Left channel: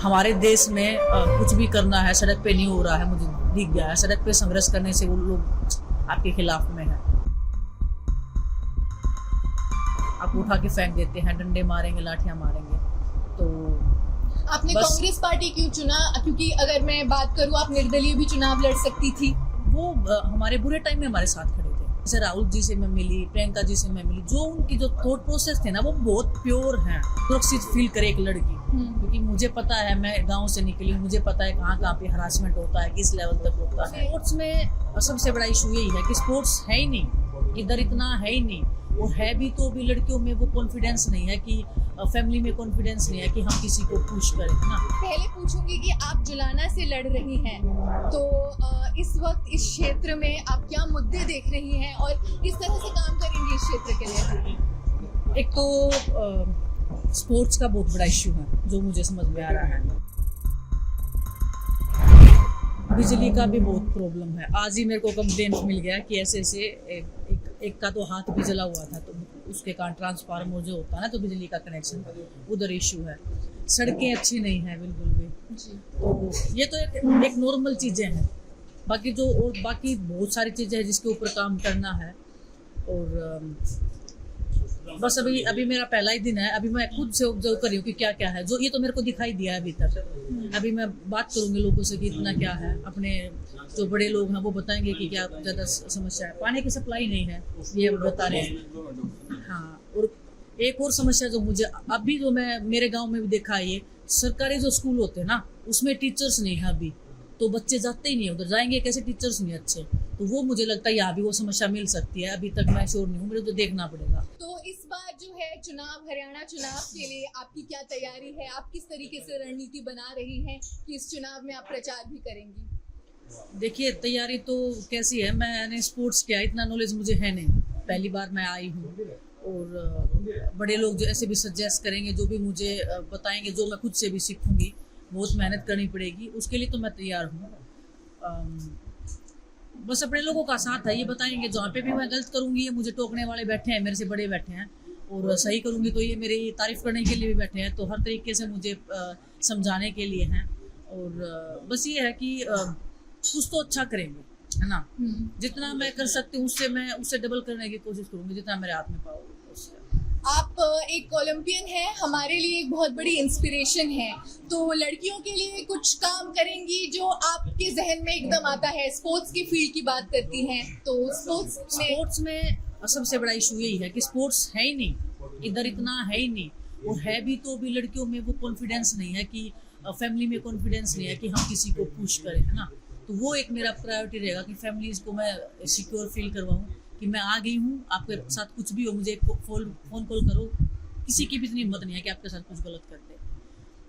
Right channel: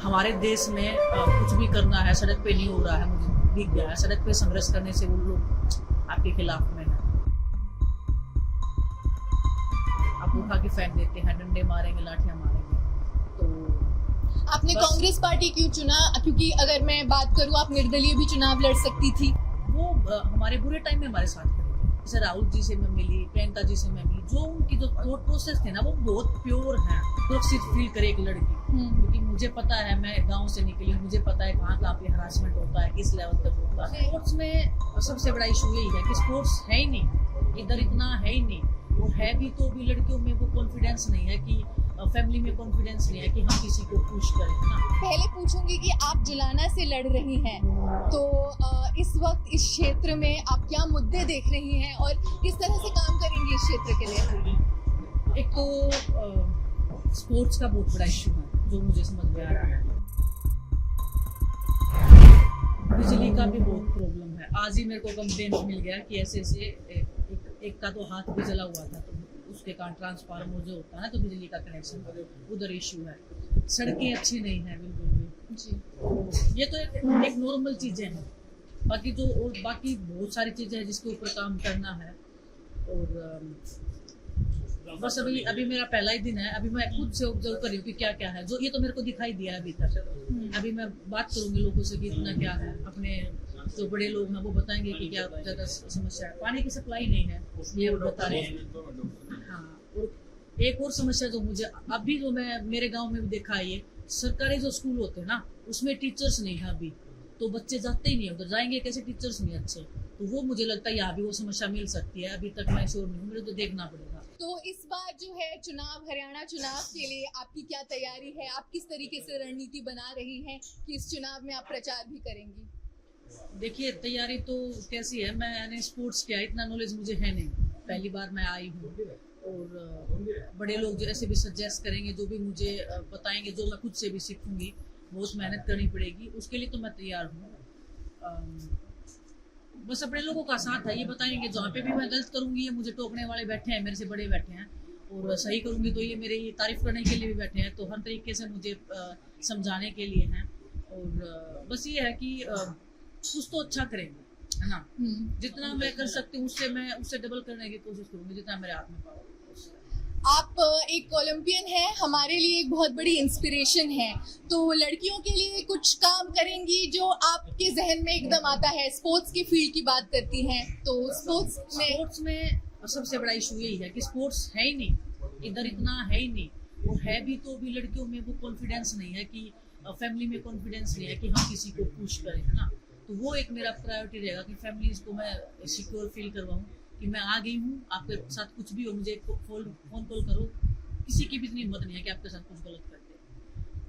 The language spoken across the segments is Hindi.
हमारे देश में कुछ भी करना है सड़क पे नहीं हो रहा है, मुझे दिख गया है। सड़क पे संघर्ष करने से वो लोग आपके खिलाफ में है। आप उठा के फेंक देते हैं, डंडे मारेंगे, लाठियां मारेंगे। तो आपने कांग्रेस पार्टी क्यों चुना? क्योंकि अगर मैं बात करूं, आप निर्दलीय भी चुनाव लड़ सकती थी। वो हमारे बुरे टाइम में हमारे साथ खड़े थे। जैसे राहुल जी से मैं मिली, प्रियंका जी से मैं मिली, जो उनकी जो थॉट प्रोसेस थे ना वो बहुत प्योर है। सुरक्षित फील करे एक लड़की, क्योंकि मुझे पता है, मैं गांव से निकली हूँ, मुझे पता है कहाँ पे हरासमेंट होता है, किस लेवल तक होता है। स्पोर्ट्स में सबसे बड़ा इशू यही है कि स्पोर्ट्स है ही नहीं, इधर इतना है ही नहीं। वो है भी तो भी लड़कियों में वो कॉन्फिडेंस नहीं है कि फैमिली में कॉन्फिडेंस नहीं है कि हम किसी को पुश करें ना। पहले पूछूंगी कि आप जुलाना से लड़ रही हैं, तो इस वक्त इस क्षेत्र में आप क्या मुद्दे देख रही हैं और किस तरह से काम करेंगी इस क्षेत्र के लिए? एक तो स्पोर्ट्स का बहुत बड़ा इश्यू है जो मुझे समझ में आ रहा है। बिजली का भी बहुत प्रॉब्लम है। आज ही मेरे को कंप्लेंट मिल गया कि ऐसे एक का तो हाथ भी जला हुआ था, तो उसके कारण ट्रांसफार्मर जो होता है ना, तो बिजली का कनेक्शन उधर इशू है। सड़कें अच्छी नहीं है बिल्कुल भी जी। तो ये तो एक नॉर्मल चीजें हैं। बाकी बाकी बहुत सारी चीजें हैं जिसके ऊपर काम करना है। और बस अभी मेरा पहला ही दिन है। अभी मैं खुद से ऑब्जर्व कर रही हूँ कि क्या क्या है, जो ये तो मेरे को दिखाई दिया है अभी तक। अभी मैं बात करूंगी लोगों से कि इतना क्या है। अपने जो बड़े लोग हैं वो बताएंगे कि क्या ज़्यादा समस्या है। पानी की सप्लाई नहीं है, ये बता रहे हैं। हाँ, और एक और समस्या जो मुझे अभी जो मैं मेरे गांव में भी देखा है, ये सरकारी जो स्कूल होते हैं ना, उसमें टीचर्स नहीं है अभी, तो बच्चे जाते ही नहीं, उधर जाएंगे कैसे, टीचर्स नहीं अच्छे। तो वो मुझे लगता है यहाँ भी वो समस्या मिल सकती है। अभी तक मैं श्योर नहीं हूँ, मेरे को देखना पड़ेगा। तो इस बार जो है चुनाव, हरियाणा चुनाव के लिए आपकी क्या तैयारी है? आप किस तरीके से रणनीति बना रही हैं कि इस चुनाव में आप प्रचार भी करेंगी? देखिए, तैयारी तो कैसी है, मैंने स्पोर्ट्स किया, इतना नॉलेज मुझे है नहीं, पहली बार मैं आई हूँ। और बड़े लोग जो ऐसे भी सजेस्ट करेंगे, जो भी मुझे बताएंगे, जो मैं खुद से भी सीखूंगी, बहुत मेहनत करनी पड़ेगी, उसके लिए तो मैं तैयार हूँ। बस अपने लोगों का साथ है, ये बताएंगे। जहाँ पे भी मैं गलत करूँगी, ये मुझे टोकने वाले बैठे हैं, मेरे से बड़े बैठे हैं, और सही करूँगी तो ये मेरी तारीफ करने के लिए भी बैठे हैं। तो हर तरीके से मुझे समझाने के लिए हैं। और बस ये है कि कुछ तो अच्छा करेंगे, है ना। जितना मैं कर सकती हूँ उससे डबल करने की कोशिश करूँगी, जितना मेरे हाथ में पाओ। आप एक ओलंपियन हैं, हमारे लिए एक बहुत बड़ी इंस्पिरेशन है। तो लड़कियों के लिए कुछ काम करेंगी जो आपके जहन में एकदम आता है? स्पोर्ट्स की फील्ड की बात करती हैं, तो स्पोर्ट्स में सबसे बड़ा इशू यही है कि स्पोर्ट्स है ही नहीं, इधर इतना है ही नहीं। वो है भी तो भी लड़कियों में वो कॉन्फिडेंस नहीं है कि फैमिली में कॉन्फिडेंस नहीं है कि हम किसी को पुश करें, है ना। तो वो एक मेरा प्रायोरिटी रहेगा कि फैमिलीज को मैं सिक्योर फील करवाऊँ कि मैं आ गई हूँ, आपके साथ कुछ भी हो मुझे फोन कॉल करो। किसी की भी इतनी हिम्मत नहीं है कि आपके साथ कुछ गलत कर दे।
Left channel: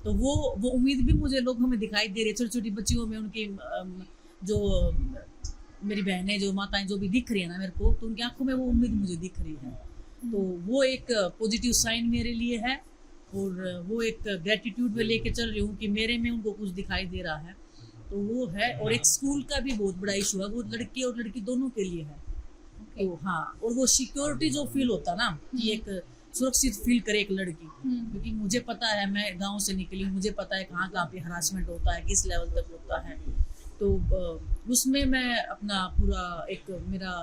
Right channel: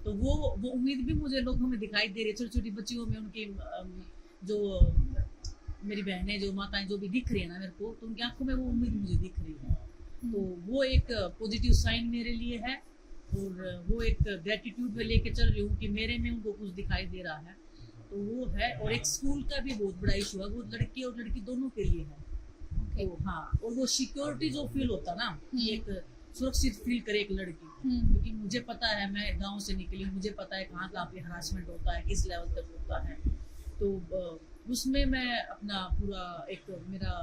तो वो उम्मीद भी मुझे लोगों में दिखाई दे रही है। छोटी छोटी बच्चियों में उनकी जो मेरी बहनें, जो माताएं जो भी दिख रही है ना मेरे को, तो उनकी आंखों में वो उम्मीद मुझे दिख रही है। तो वो एक पॉजिटिव साइन मेरे लिए है। और वो एक ग्रेटिट्यूड में लेके चल रही हूँ कि मेरे में उनको कुछ दिखाई दे रहा है, तो वो है। और एक स्कूल का भी बहुत बड़ा इशू है, वो लड़के और लड़की दोनों के लिए है। तो हाँ, और वो सिक्योरिटी जो फील होता ना, कि एक सुरक्षित फील करे एक लड़की, क्योंकि मुझे पता है, मैं गांव से निकली हूँ, मुझे पता है कहाँ पे हरासमेंट होता है, किस लेवल तक होता है। तो उसमें मैं अपना पूरा मेरा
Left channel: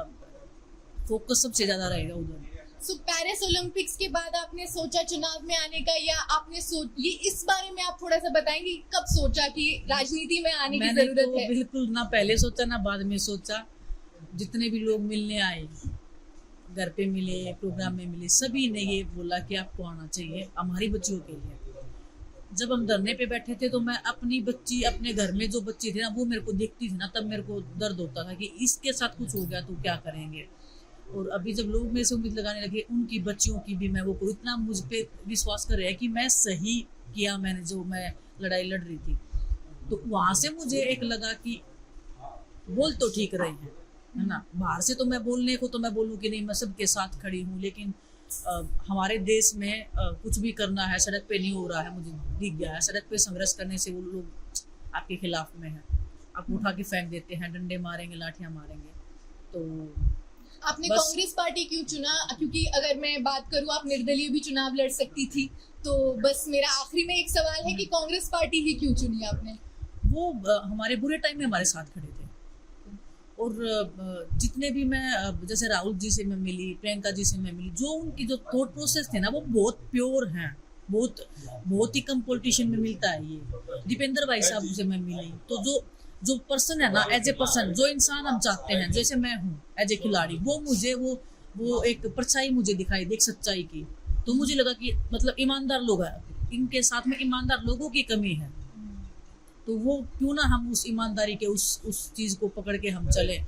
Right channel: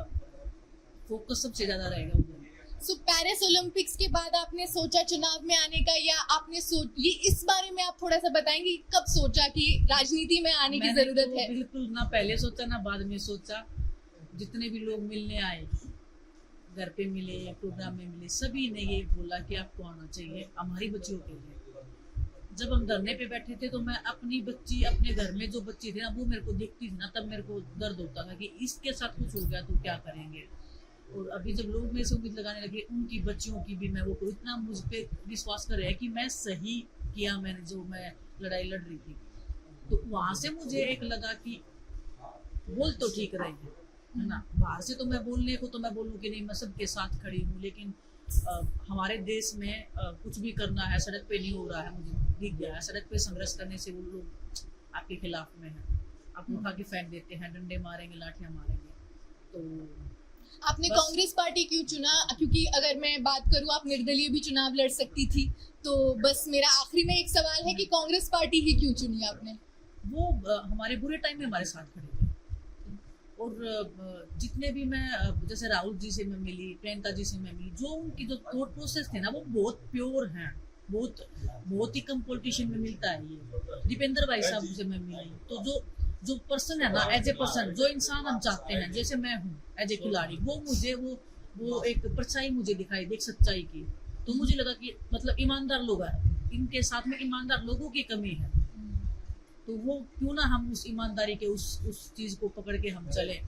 फोकस सबसे ज्यादा रहेगा उधर। पेरिस ओलंपिक्स के बाद आपने सोचा चुनाव में आने का, या आपने ये इस बारे में आप थोड़ा सा बताएंगे, कब सोचा कि राजनीति में आने की जरूरत है? बिल्कुल ना पहले सोचा ना बाद में सोचा। जितने भी लोग मिलने आए, घर पे मिले, प्रोग्राम में मिले, सभी ने ये बोला कि आपको आना चाहिए हमारी बच्चियों के लिए। जब हम धरने पे बैठे थे, तो मैं अपनी बच्ची, अपने घर में जो बच्ची थी ना, वो मेरे को देखती थी ना, तब मेरे को दर्द होता था कि इसके साथ कुछ हो गया तो क्या करेंगे। और अभी जब लोग मेरे से उम्मीद लगाने लगे, उनकी बच्चियों की भी मैं वो को इतना मुझ पे विश्वास कर रहे हैं कि मैं सही किया, मैंने जो मैं लड़ाई लड़ रही थी। तो वहां से मुझे एक लगा कि बोल तो ठीक रहे हैं, है ना। बाहर से तो मैं बोलने को तो मैं बोलूँ कि नहीं, मैं सबके साथ खड़ी हूँ, लेकिन हमारे देश में कुछ भी करना है सड़क पे नहीं हो रहा है, मुझे दिख गया है। सड़क पे संघर्ष करने से वो लोग आपके खिलाफ में है। आप उठा के फेंक देते हैं, डंडे मारेंगे, लाठियां मारेंगे। तो आपने बस- कांग्रेस पार्टी क्यों चुना? क्योंकि अगर मैं बात करूं, आप निर्दलीय भी चुनाव लड़ सकती थी। तो बस मेरा आखिरी में एक सवाल है कि कांग्रेस पार्टी ही क्यों चुनी आपने? वो हमारे बुरे टाइम में हमारे साथ खड़े थे। और जितने भी मैं जैसे राहुल जी से मैं मिली, प्रियंका जी से मैं मिली, जो उनकी जो थॉट प्रोसेस थे ना वो बहुत प्योर हैं। बहुत बहुत ही कम पॉलिटिशियन में मिलता है ये। दीपेंद्र भाई साहब से मैं मिली, तो जो पर्सन है ना, एज ए पर्सन, जो इंसान हम चाहते हैं, जैसे मैं हूँ एज ए खिलाड़ी, वो मुझे वो एक परछाई मुझे दिखाई दी, एक सच्चाई की। तो मुझे लगा कि मतलब ईमानदार लोग हैं, इनके साथ में ईमानदार लोगों की कमी है। तो वो क्यों ना हम उस ईमानदारी के उस चीज को पकड़ के हम चले।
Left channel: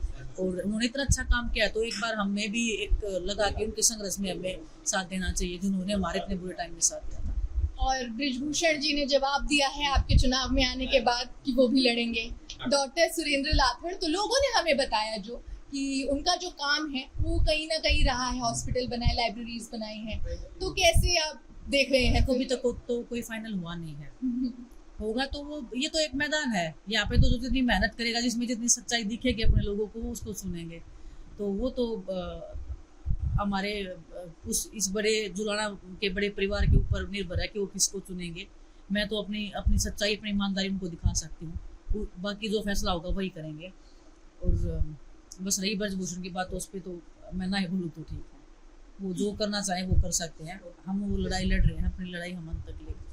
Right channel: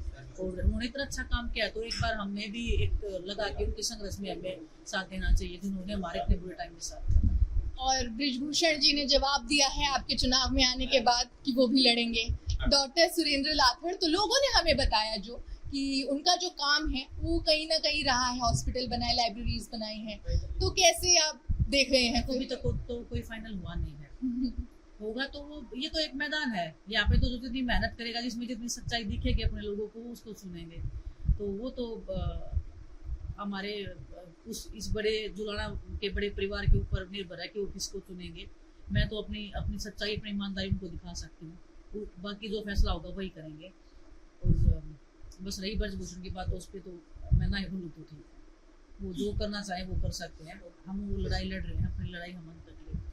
और उन्होंने इतना अच्छा काम किया, तो एक बार हमें भी एक लगा कि उनके संघर्ष में हमें साथ देना चाहिए, जिन्होंने हमारे इतने बुरे टाइम में साथ दिया था। और बृजभूषण जी ने जवाब दिया है आपके चुनाव में आने के बाद कि वो भी लड़ेंगे। डॉक्टर सुरेंद्र लाथड़, तो लोगों ने हमें बताया जो कि उनका जो काम है वो कहीं ना कहीं रहा है, हॉस्पिटल बनाए, लाइब्रेरीज बनाई हैं। तो कैसे आप देख रहे हैं? अभी तक तो कोई फाइनल हुआ नहीं है। होगा तो वो, ये तो एक मैदान है यहाँ पे, तो जो जितनी मेहनत करेगा, जिसमें जितनी सच्चाई दिखेगी अपने लोगों को, वो उसको सुनेंगे। तो वो तो हमारे इस बड़े जुलाना के बड़े परिवार के ऊपर निर्भर है कि वो किसको चुनेंगे। मैं तो अपनी सच्चाई, अपनी ईमानदारी उनको दिखा सकती हूँ, बाकी जो फैसला होगा वही करेंगे। और बस रही ब्रजभूषण की बात, तो उस पर तो मैं ना ही भूलूँ तो ठीक है। वो जो करना चाहे वो कर सकते हैं। हम वो लड़ाई लड़ रहे हैं, अपनी लड़ाई हम अंत तक लेंगे।